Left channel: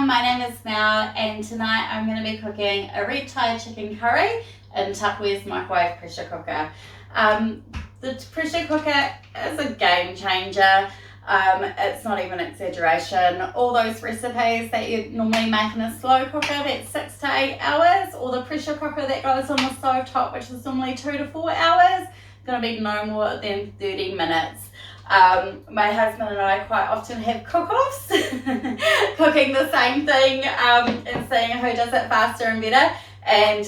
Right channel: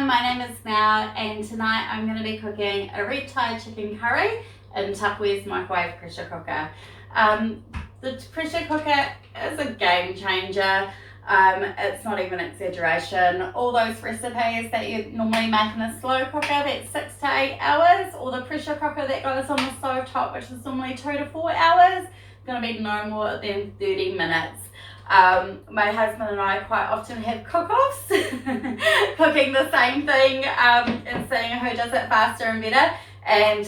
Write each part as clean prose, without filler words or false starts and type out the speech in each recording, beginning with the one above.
everyone, my name is Mel and tonight I'm going to be cooking a red Thai chicken curry in Tupperware's microwave pressure cooker. The pressure cooker is a game changer. It's not even an exaggeration. All those recipes that you normally make in a slow cooker that's 6 to 8 hours, or the pressure cooker that goes on the stove top, which is normally 2 to 4 hours, going to be no more than 30 minutes. My husband and I quite often have cook-offs, cooking the same thing and seeing who does it faster and better. And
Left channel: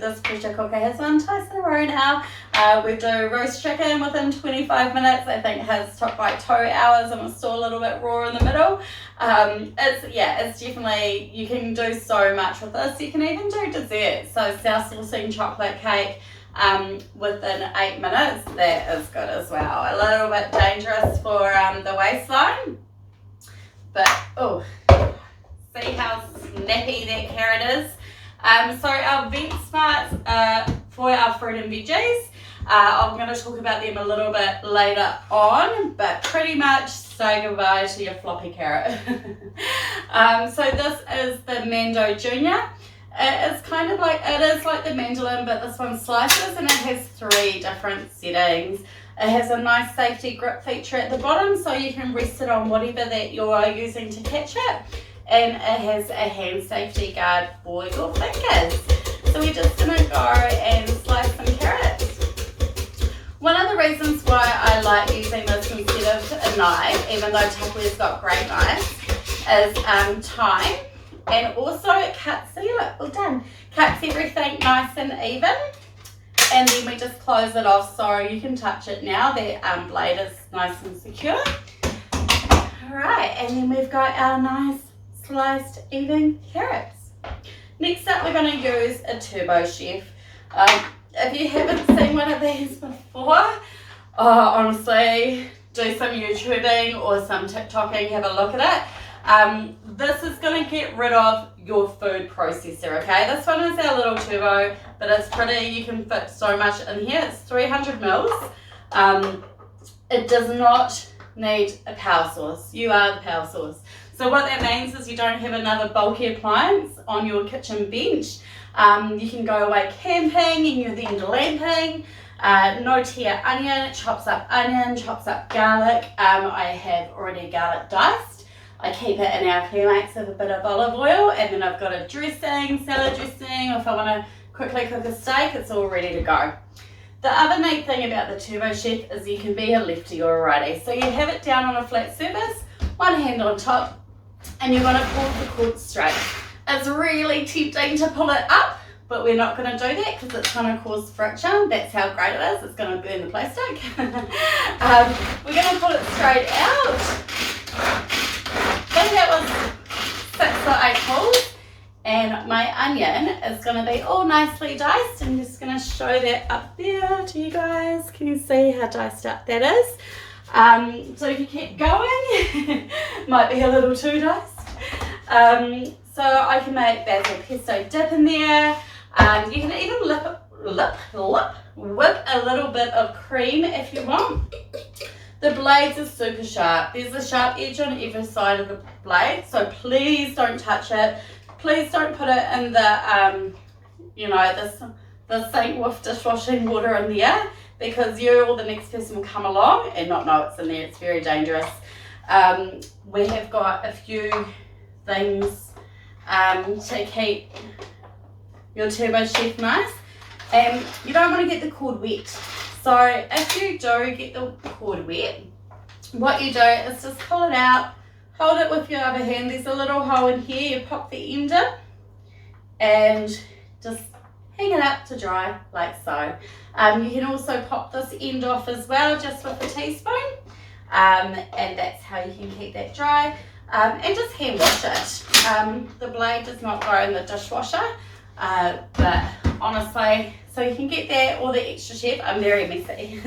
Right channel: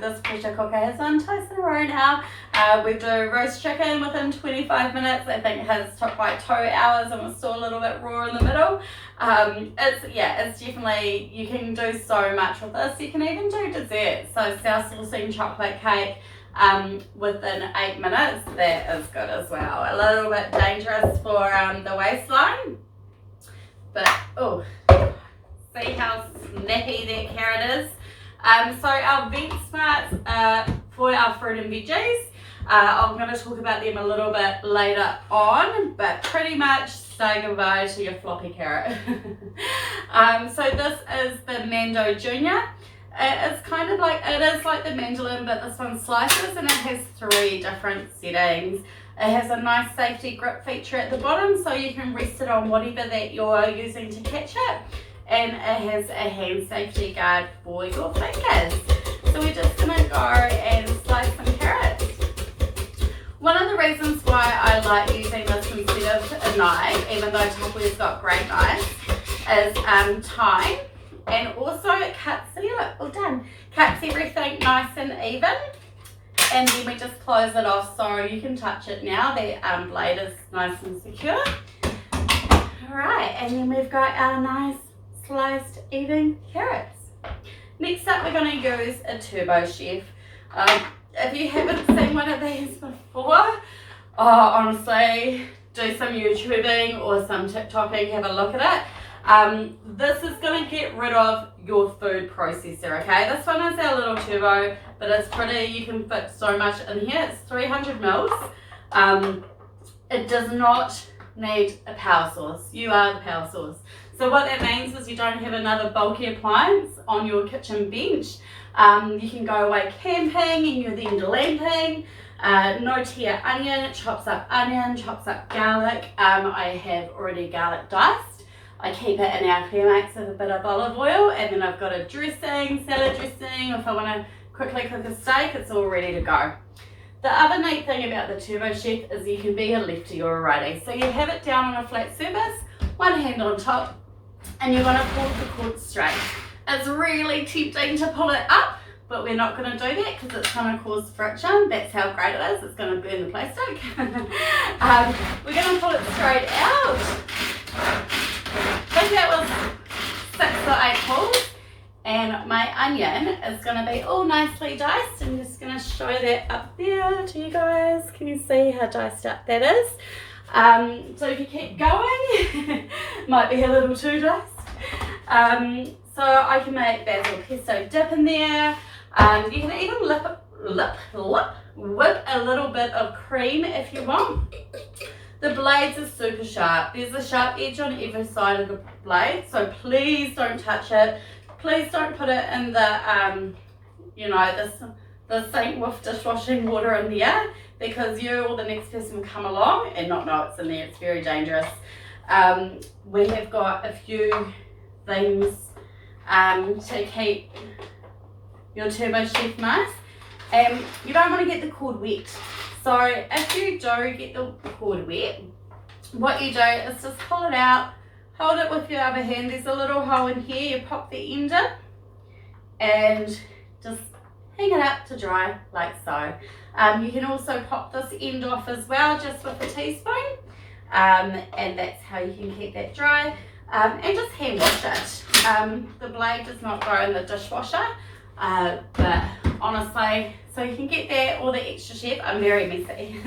this pressure cooker has won twice in a row now. We do roast chicken within 25 minutes. I think his took like 2 hours and was still a little bit raw in the middle. It's definitely, you can do so much with this. You can even do desserts. So self-saucing chocolate cake within 8 minutes, that is good as well. A little bit dangerous for the waistline, but oh, see how snappy that carrot is. So our vent smarts for our fruit and veggies, I'm going to talk about them a little bit later on, but pretty much say goodbye to your floppy carrot. So this is the Mando Junior. It's kind of like, it is like the mandolin, but this one slices and it has 3 different settings. It has a nice safety grip feature at the bottom, so you can rest it on whatever that you're using to catch it. And it has a hand safety guard for your fingers. So we're just going to go and slice some carrots. One of the reasons why I like using this instead of a knife, even though Tupperware's got great knives, is time. And also it cuts, see, look, all done. Cuts everything nice and even. And then we just close it off so you can touch it now. The blade is nice and secure. Alright, and then we've got our nice sliced even carrots. Next up, we're going to use a Turbo Chef. If you haven't seen one of these before, honestly, do some YouTubing or some TikToking, have a look at it. This is going to get rid of your food processor, okay? This one is our little turbo, but it's pretty, you can fit so much in here. It's 300 mils. It does not need a power source. You are the power source. So what that means is you don't have another bulky appliance on your kitchen bench. You can go away camping and you're then glamping. No tear onion, it chops up onion, chops up garlic. I have already garlic diced. I keep it in our Clearmates with a bit of olive oil, and then I've got a dressing, salad dressing, or if I want to quickly cook a steak, it's all ready to go. The other neat thing about the Turbo Chef is you can be a lefty or a righty. So you have it down on a flat surface, one hand on top, and you're going to pull the cord straight. It's really tempting to pull it up, but we're not going to do that because it's going to cause friction. That's how great it is. It's going to burn the plastic. We're going to pull it straight out. I think that was 6 or 8 pulls, and my onion is going to be all nicely diced. I'm just going to show that up there to you guys. Can you see how diced up that is? So if you keep going, might be a little too diced. So I can make basil pesto dip in there. You can even whip a little bit of cream if you want. The blades are super sharp. There's a sharp edge on either side of the blade, so please don't touch it. Please don't put it in the, the sink with dishwashing water in there, because you or the next person will come along and not know it's in there. It's very dangerous. We have got a few things to keep your Turbo Chef nice. You don't want to get the cord wet. So if you do get the cord wet, what you do is just pull it out, hold it with your other hand. There's a little hole in here, you pop the end in and just hang it up to dry like so. You can also pop this end off as well, just with a teaspoon, and that's how you can keep that dry. And just hand wash it. The blade does not go in the dishwasher, but honestly, so you can get that or the extra chef. I'm very messy.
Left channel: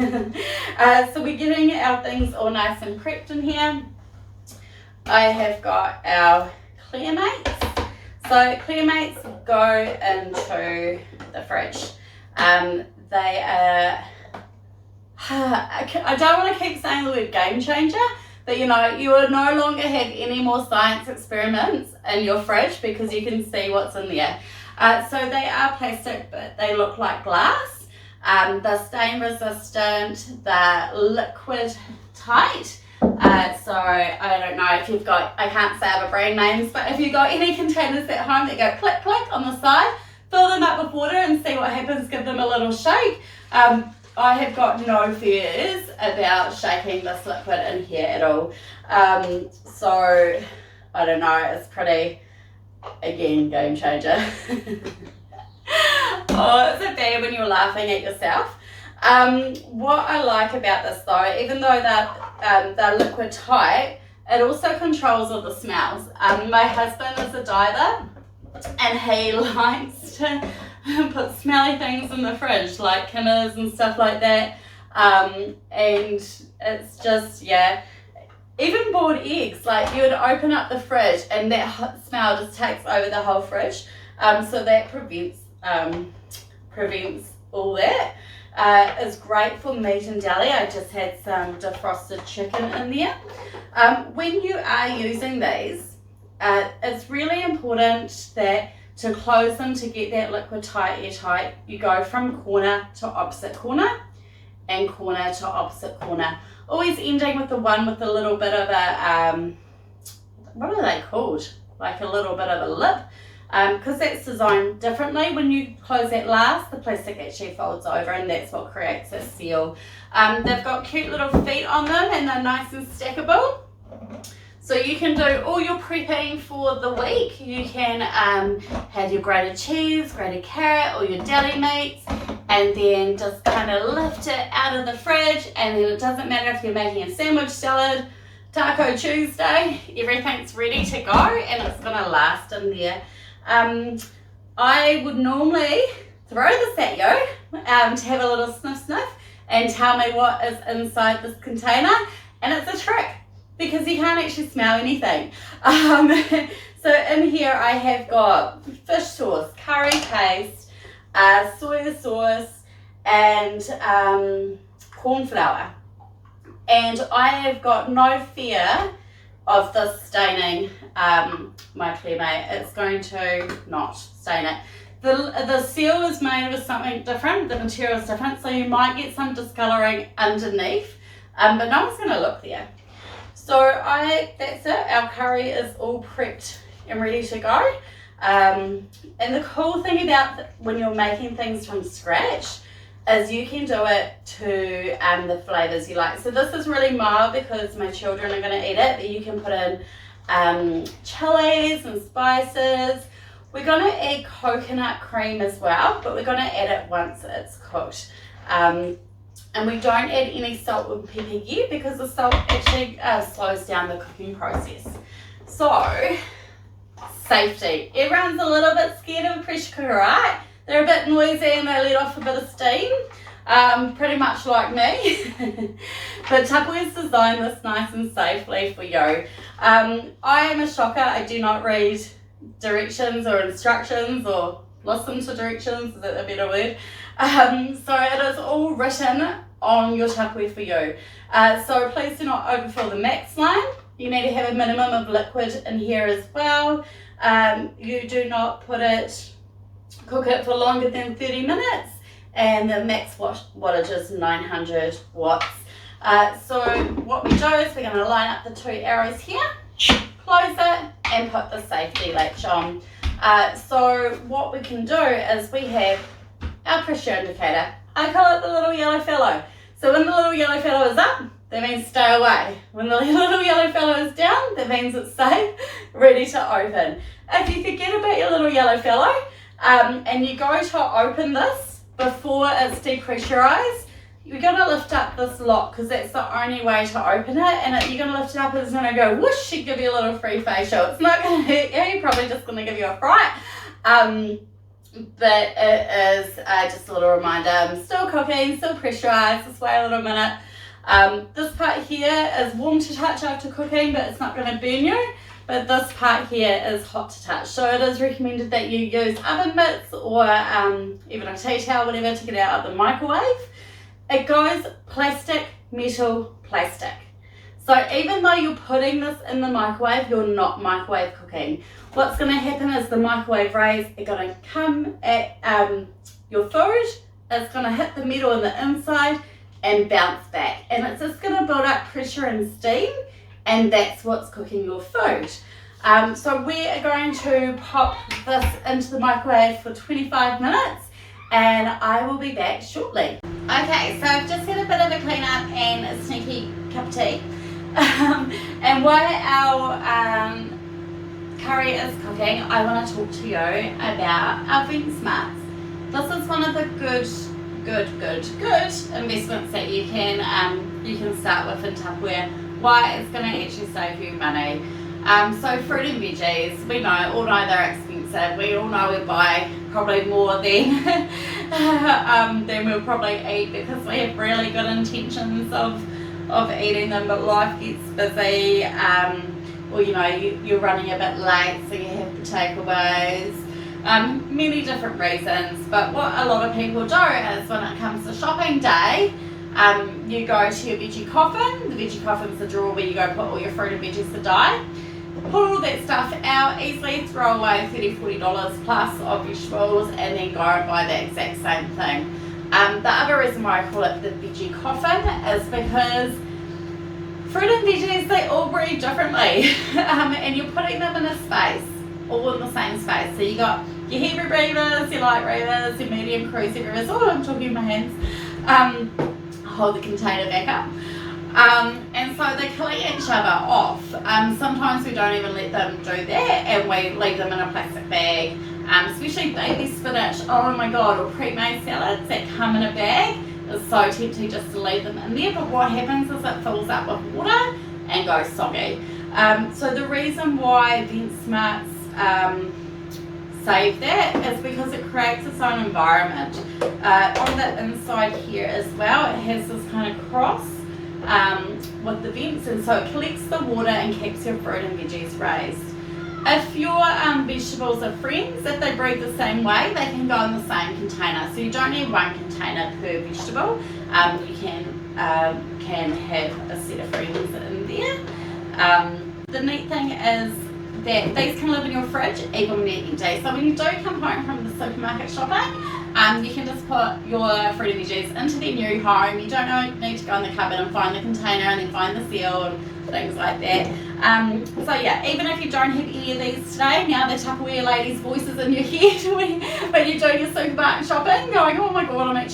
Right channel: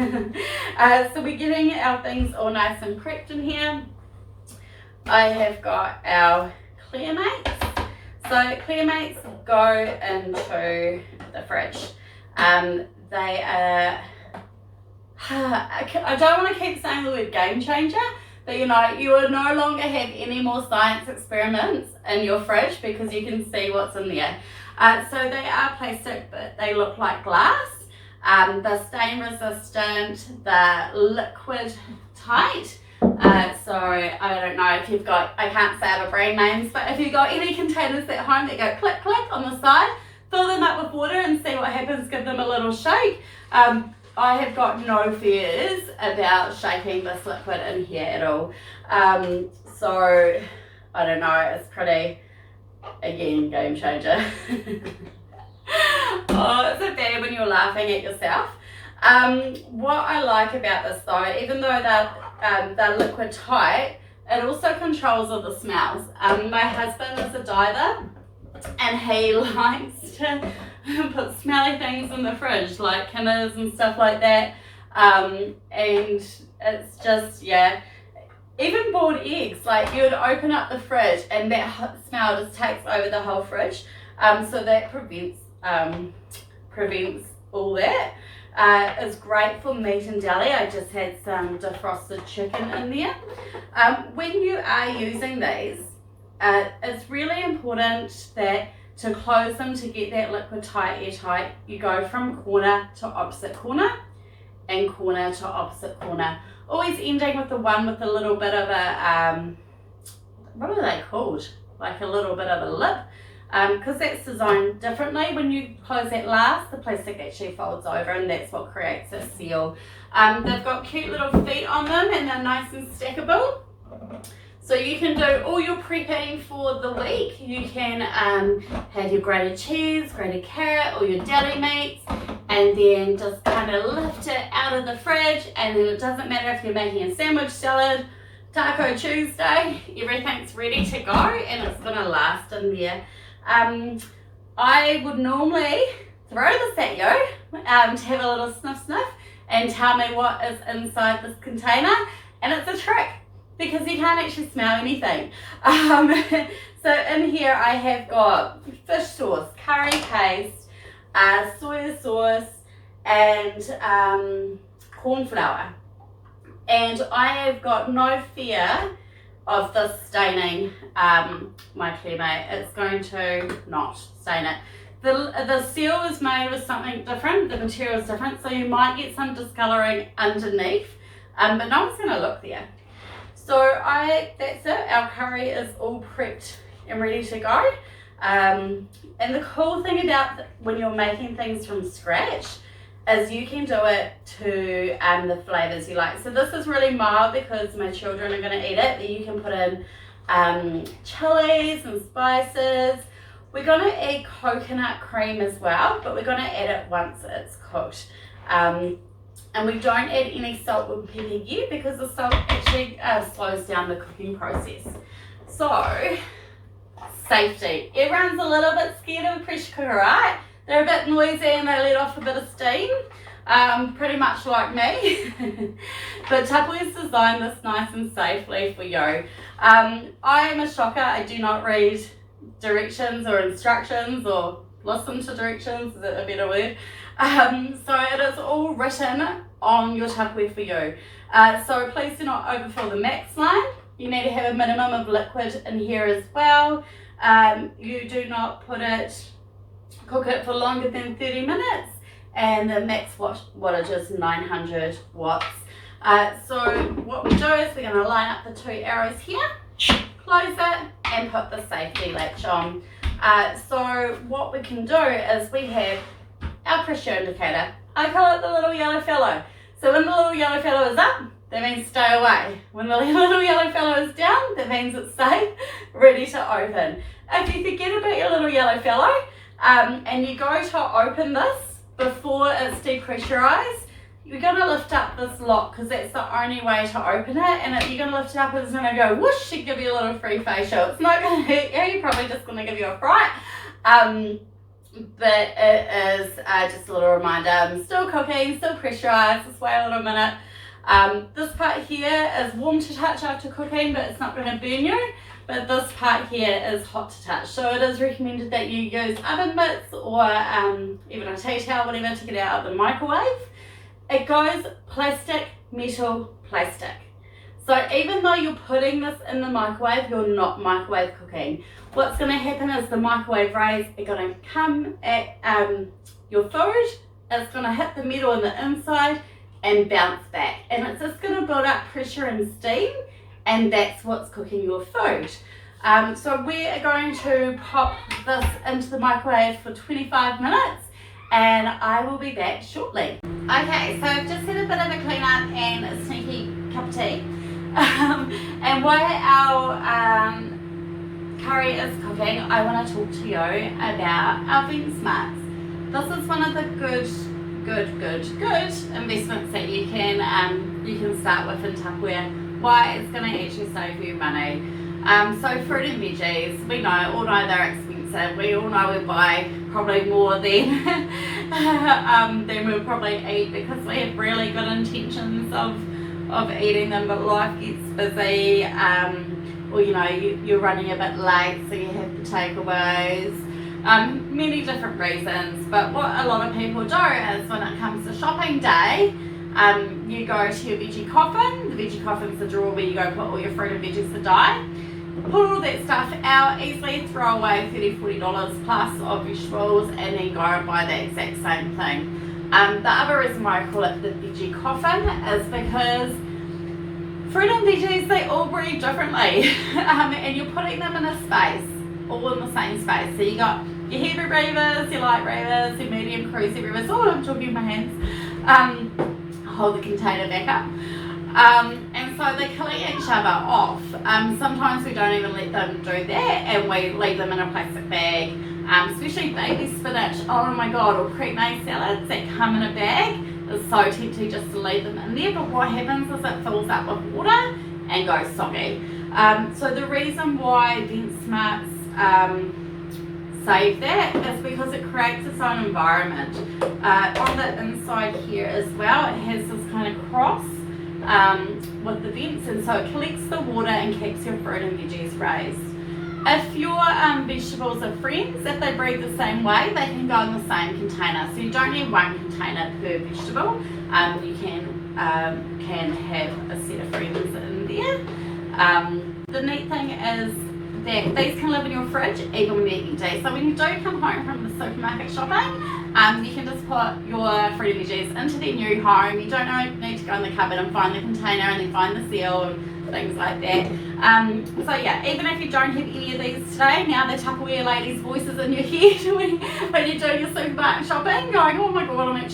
So we're getting our things all nice and prepped in here. I have got our Clearmates. So Clearmates go into the fridge. They are, I don't want to keep saying the word game changer, that you will no longer have any more science experiments in your fridge because you can see what's in there. So they are plastic, but they look like glass. They're stain resistant, they're liquid tight. So I don't know if you've got, I can't say other brand names, but if you've got any containers at home that go click click on the side, fill them up with water and see what happens, give them a little shake. I have got no fears about shaking this liquid in here at all. So I don't know, it's pretty, again, game changer. Oh, it's a bad when you're laughing at yourself. What I like about this though, even though they're liquid tight, it also controls all the smells. My husband is a diver and he likes to put smelly things in the fridge like Kinners and stuff like that. And it's just, yeah, even boiled eggs, like you would open up the fridge and that hot smell just takes over the whole fridge. So that prevents all that. It's great for meat and deli. I just had some defrosted chicken in there. When you are using these, it's really important that to close them to get that liquid tight, airtight, you go from corner to opposite corner and corner to opposite corner. Always ending with the one with a little bit of a, what are they called? Like a little bit of a lip. Because that's designed differently. When you close that last, the plastic actually folds over and that's what creates a seal. They've got cute little feet on them and they're nice and stackable. So you can do all your prepping for the week. You can have your grated cheese, grated carrot, or your deli meats, and then just kind of lift it out of the fridge, and then it doesn't matter if you're making a sandwich salad, Taco Tuesday, everything's ready to go and it's gonna last in there. I would normally throw this at you to have a little sniff and tell me what is inside this container, and it's a trick because you can't actually smell anything. So in here I have got fish sauce, curry paste, soya sauce and corn flour, and I have got no fear of this staining my clay. It's going to not stain it. The seal is made with something different, the material is different, so you might get some discolouring underneath, but no one's going to look there. So that's it, our curry is all prepped and ready to go. And the cool thing about when you're making things from scratch is you can do it to the flavours you like. So this is really mild because my children are going to eat it, but you can put in chilies and spices. We're going to add coconut cream as well, but we're going to add it once it's cooked. And we don't add any salt and pepper yet because the salt actually slows down the cooking process. So, safety. Everyone's a little bit scared of a pressure cooker, right? They're a bit noisy and they let off a bit of steam, pretty much like me. But Tupperware's designed this nice and safely for you. I am a shocker. I do not read directions or instructions or listen to directions, is that a better word? So it is all written on your Tupperware for you. So please do not overfill the max line. You need to have a minimum of liquid in here as well. You do not cook it for longer than 30 minutes, and the max wattage is 900 watts. So what we do is we're going to line up the two arrows here, close it, and put the safety latch on. So what we can do is we have our pressure indicator. I call it the little yellow fellow. So when the little yellow fellow is up, that means stay away. When the little yellow fellow is down, that means it's safe, ready to open. If you forget about your little yellow fellow, and you go to open this before it's depressurized, you're going to lift up this lock because that's the only way to open it, and you're going to lift it up and it's going to go whoosh and give you a little free facial. It's not going to hurt you, you're probably just going to give you a fright. But it is just a little reminder, I'm still cooking, still pressurized, just wait a little minute. This part here is warm to touch after cooking, but it's not going to burn you. But this part here is hot to touch. So it is recommended that you use oven mitts or even a tea towel, whatever, to get it out of the microwave. It goes plastic, metal, plastic. So even though you're putting this in the microwave, you're not microwave cooking. What's going to happen is the microwave rays are going to come at your food, it's going to hit the metal on the inside and bounce back. And it's just going to build up pressure and steam, and that's what's cooking your food. So we are going to pop this into the microwave for 25 minutes and I will be back shortly. Okay, so I've just had a bit of a clean up and a sneaky cup of tea. And while our curry is cooking, I want to talk to you about our vent smarts. This is one of the good investments that you can start with in Tupperware. Why? It's going to actually save you money. So fruit and veggies, we all know they're expensive. We all know we buy probably more than we'll probably eat because we have really good intentions of eating them, but life gets busy, or you're running a bit late, so you have the takeaways. Many different reasons, but what a lot of people do is when it comes to shopping day, you go to your veggie coffin. The veggie coffin's the drawer where you go put all your fruit and veggies to die. Pull all that stuff out, easily throw away $30-40 plus of vegetables, and then go and buy the exact same thing. The other reason why I call it the veggie coffin is because fruit and veggies, they all breed differently, and you're putting them in a space, all in the same space. So you got your heavy breathers, your light breathers, your medium cruisy breathers. Oh, I'm talking with my hands. Hold the container back up. And so they clean each other off. Sometimes we don't even let them do that, and we leave them in a plastic bag, especially baby spinach, oh my god, or pre-made salads that come in a bag. It's so tempting just to leave them in there, but what happens is it fills up with water and goes soggy. So the reason why Vent Smarts save that is because it creates its own environment. On the inside here as well, it has this kind of cross with the vents, and so it collects the water and keeps your fruit and veggies raised. If your vegetables are friends, if they breed the same way, they can go in the same container. So you don't need one container per vegetable. You can have a set of friends in there. The neat thing is that these can live in your fridge even when they're empty. So when you do come home from the supermarket shopping, you can just put your fruit and veggies into their new home. You don't need to go in the cupboard and find the container and then find the seal and things like that. So yeah, even if you don't have any of these today, now the Tupperware ladies' voices in your head when you're doing your supermarket shopping, going, oh my god, I could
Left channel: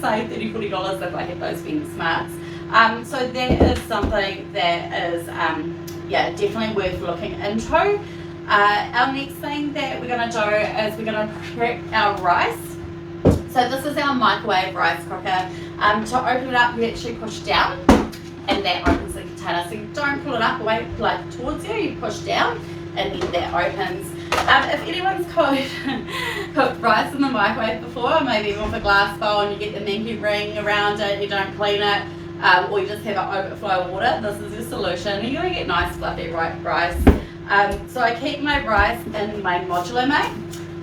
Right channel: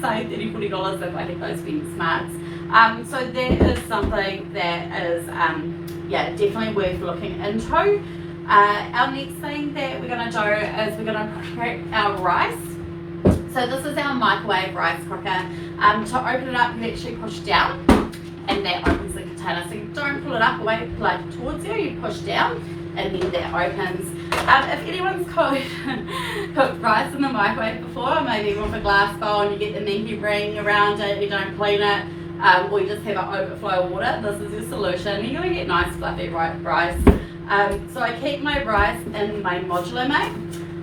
save $30-40 if I had those Vent Smarts. So that is something that is definitely worth looking into. Our next thing that we're going to do is we're going to prep our rice. So this is our microwave rice cooker. To open it up, you actually push down, and that opens the container. So you don't pull it up away like towards you, you push down, and then that opens. If anyone's cooked rice in the microwave before, maybe even with a glass bowl, and you get the minky ring around it, you don't clean it, or you just have it overflow water, this is your solution. You're going to get nice fluffy rice. So I keep my rice in my modular mate.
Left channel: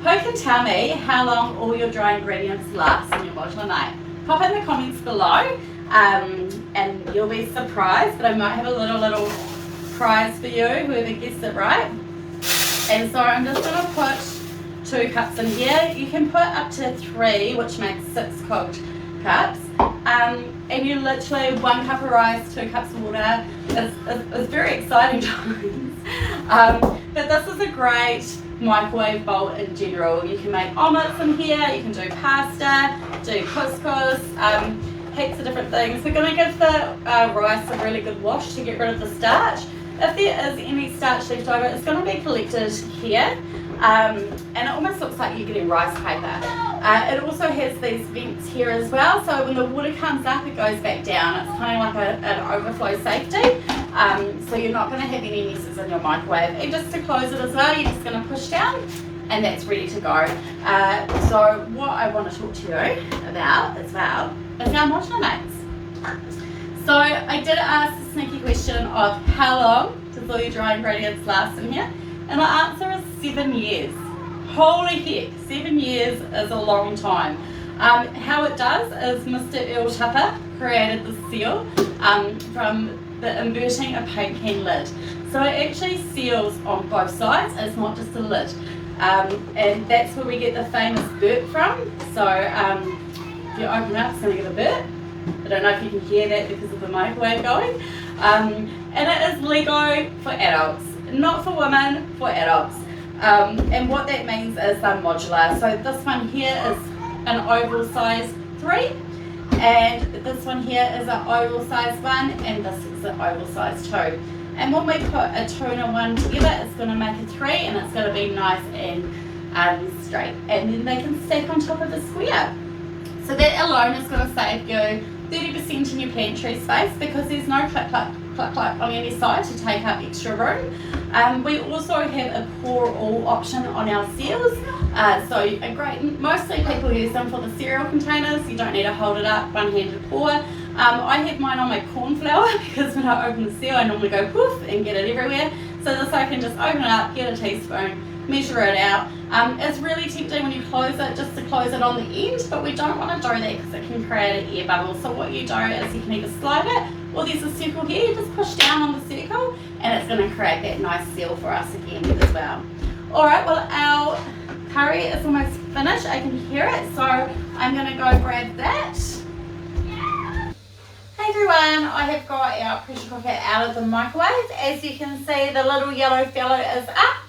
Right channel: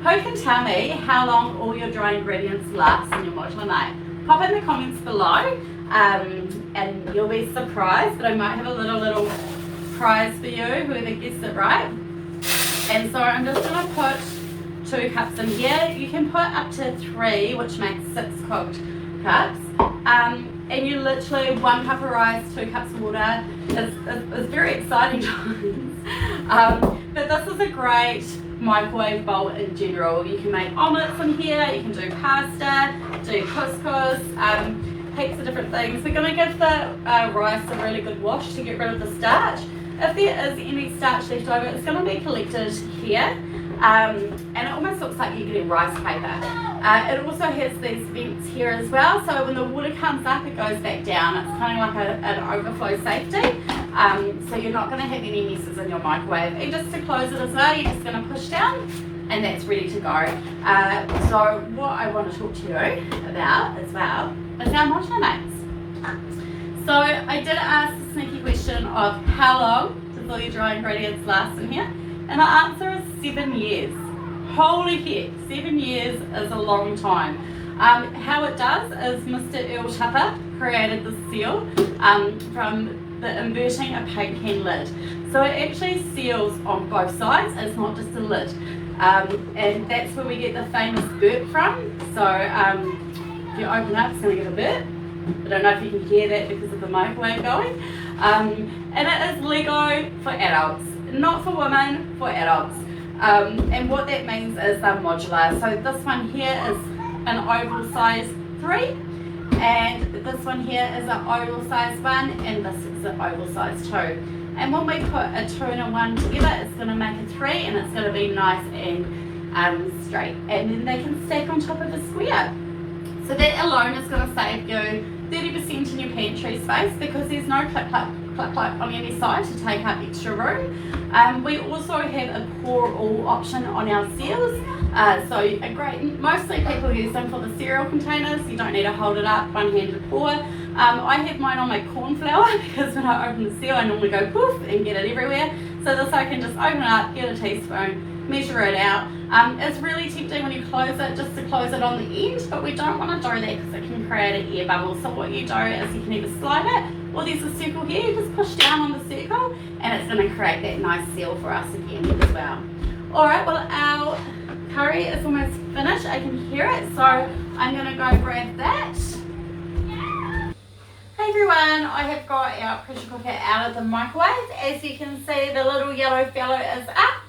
Who can tell me how long all your dry ingredients last in your modular mate? Pop in the comments below, and you'll be surprised, but I might have a little prize for you, whoever gets it right. And so I'm just going to put 2 cups in here. You can put up to 3, which makes 6 cooked cups. And you literally 1 cup of rice, 2 cups of water. It's very exciting times. But this is a great microwave bowl in general. You can make omelettes in here, you can do pasta, do couscous, heaps of different things. We're going to give the rice a really good wash to get rid of the starch. If there is any starch left over, it's going to be collected here, and it almost looks like you're getting rice paper. It also has these vents here as well, so when the water comes up, it goes back down. It's kind of like an overflow safety, so you're not going to have any messes in your microwave. And just to close it as well, you're just going to push down, and that's ready to go. So what I want to talk to you about as well is our modular mates. So I did ask the sneaky question of how long does all your dry ingredients last in here, and the answer is 7 years. Holy heck, 7 years is a long time. How it does is Mr. Earl Tupper created the seal from the inverting a paint can lid. So it actually seals on both sides, it's not just a lid. And that's where we get the famous burp from. So if you open up, it's going to get a burp. I don't know if you can hear that because of the microwave going. And it is Lego for adults, not for women, for adults. And what that means is they're modular. So this one here is an oval size 3, and this one here is an oval size 1, and this is an oval size 2. And when we put a 2 and a 1 together, it's going to make a 3, and it's going to be nice and straight. And then they can stack on top of the square. So that alone is going to save you 30% in your pantry space because there's no clip on any side to take up extra room. We also have a pour all option on our seals. So a great, mostly people use them for the cereal containers. You don't need to hold it up, one-handed pour. I have mine on my corn flour because when I open the seal I normally go poof and get it everywhere. So this I can just open it up, get a teaspoon, measure it out. It's really tempting when you close it just to close it on the end, but we don't want to do that because it can create an air bubble. So what you do is you can either slide it, or there's a circle here, you just push down on the circle and it's going to create that nice seal for us again as well. Alright, well our curry is almost finished, I can hear it, so I'm going to go grab that. Hey everyone, I have got our pressure cooker out of the microwave. As you can see, the little yellow fellow is up.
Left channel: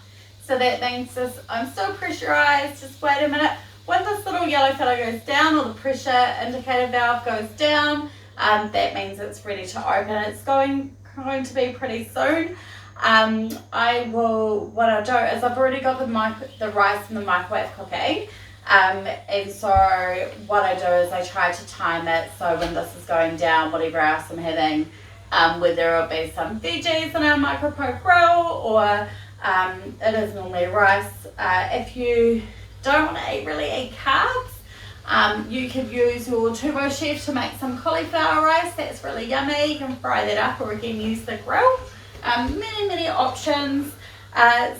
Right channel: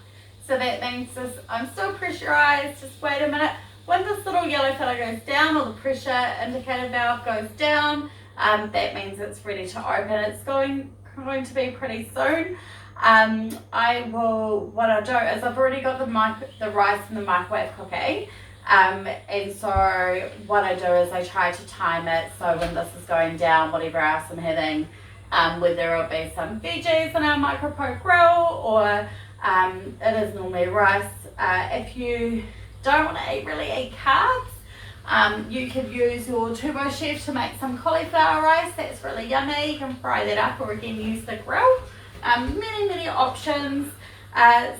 So that means I'm still pressurized. Just wait a minute. When this little yellow fellow goes down, or the pressure indicator valve goes down, that means it's ready to open. It's going to be pretty soon. What I'll do is I've already got the rice in the microwave cooking. And so what I do is I try to time it so when this is going down, whatever else I'm having, whether it'll be some veggies in our micro grill or it is normally rice. If you don't want to really eat carbs, you could use your turbo chef to make some cauliflower rice. That's really yummy. You can fry that up or again use the grill. Many options.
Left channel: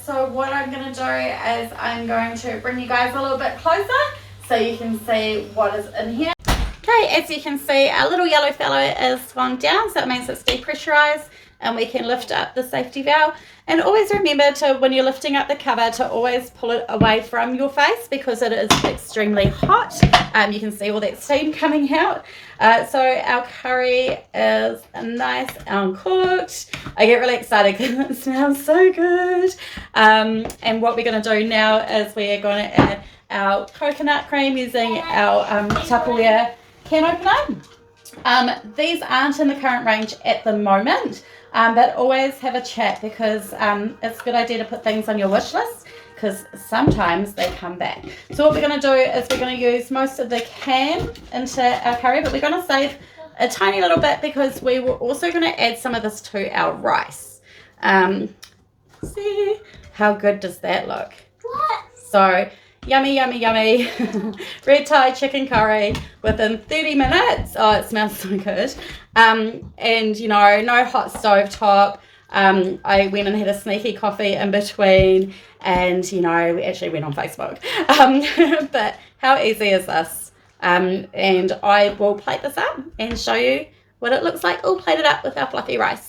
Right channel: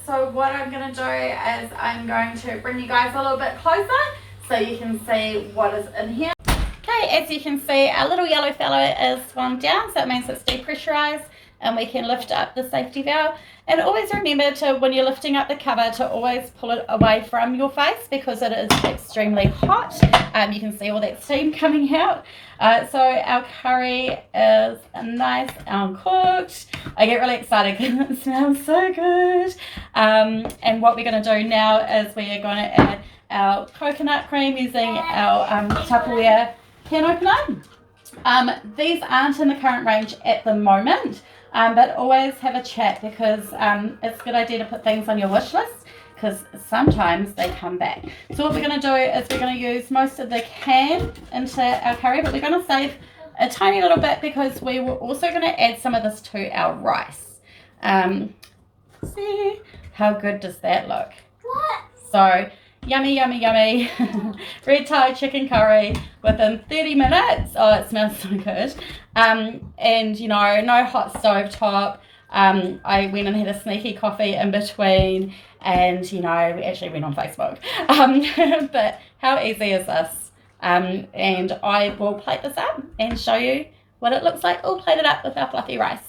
So what I'm going to do is I'm going to bring you guys a little bit closer so you can see what is in here. Okay, as you can see, our little yellow fellow is swung down, so it means it's depressurized and we can lift up the safety valve. And always remember to, when you're lifting up the cover, to always pull it away from your face because it is extremely hot. You can see all that steam coming out. So our curry is nice and cooked. I get really excited because it smells so good. And what we're going to do now is we are going to add our coconut cream using our Tupperware can opener. These aren't in the current range at the moment. But always have a chat because it's a good idea to put things on your wish list because sometimes they come back. So what we're going to do is we're going to use most of the can into our curry, but we're going to save a tiny little bit because we were also going to add some of this to our rice. See how good does that look? What? So yummy red Thai chicken curry within 30 minutes. Oh, it smells so good. And you know, no hot stove top. I went and had a sneaky coffee in between, and you know, we actually went on Facebook. But how easy is this? And I will plate this up and show you what it looks like all plated up with our fluffy rice.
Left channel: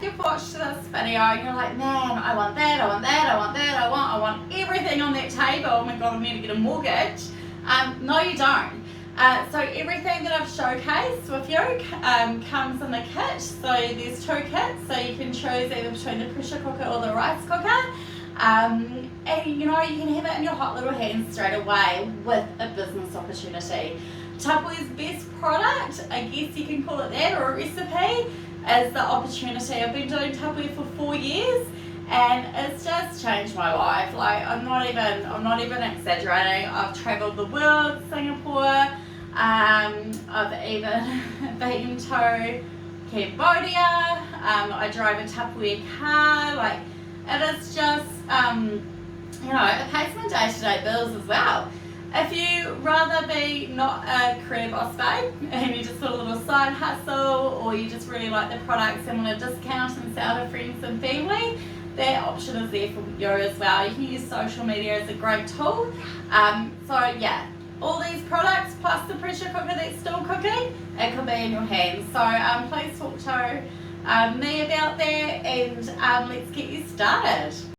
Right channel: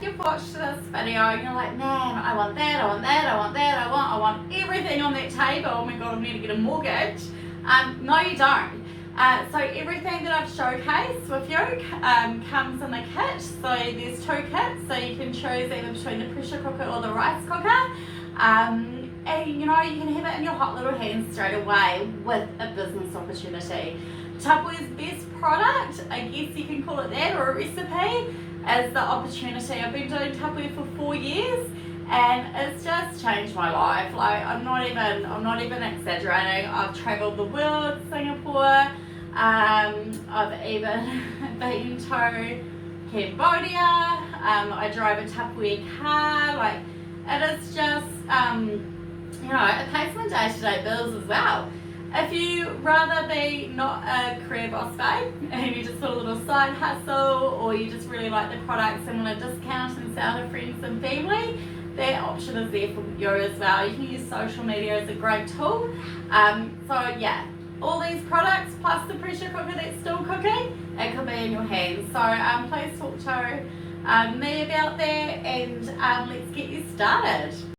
You've watched this video and you're like, man, I want that, I want that, I want that, I want everything on that table. Oh my god, I'm going to get a mortgage. No, you don't. So everything that I've showcased with you comes in the kit. So there's 2 kits, so you can choose either between the pressure cooker or the rice cooker. And you know, you can have it in your hot little hands straight away with a business opportunity. Tupperware's best product, I guess you can call it that, or a recipe, is the opportunity. I've been doing Tupperware for 4 years and it's just changed my life. Like I'm not even exaggerating. I've travelled the world, Singapore, I've even been to Cambodia, I drive a Tupperware car. Like it is just you know, it pays my day-to-day bills as well. If you rather be not a career boss babe and you just put a little side hustle, or you just really like the products and want to discount and sell to friends and family, that option is there for you as well. You can use social media as a great tool. So yeah, all these products plus the pressure cooker that's still cooking, it could be in your hands. So please talk to me about that, and let's get you started.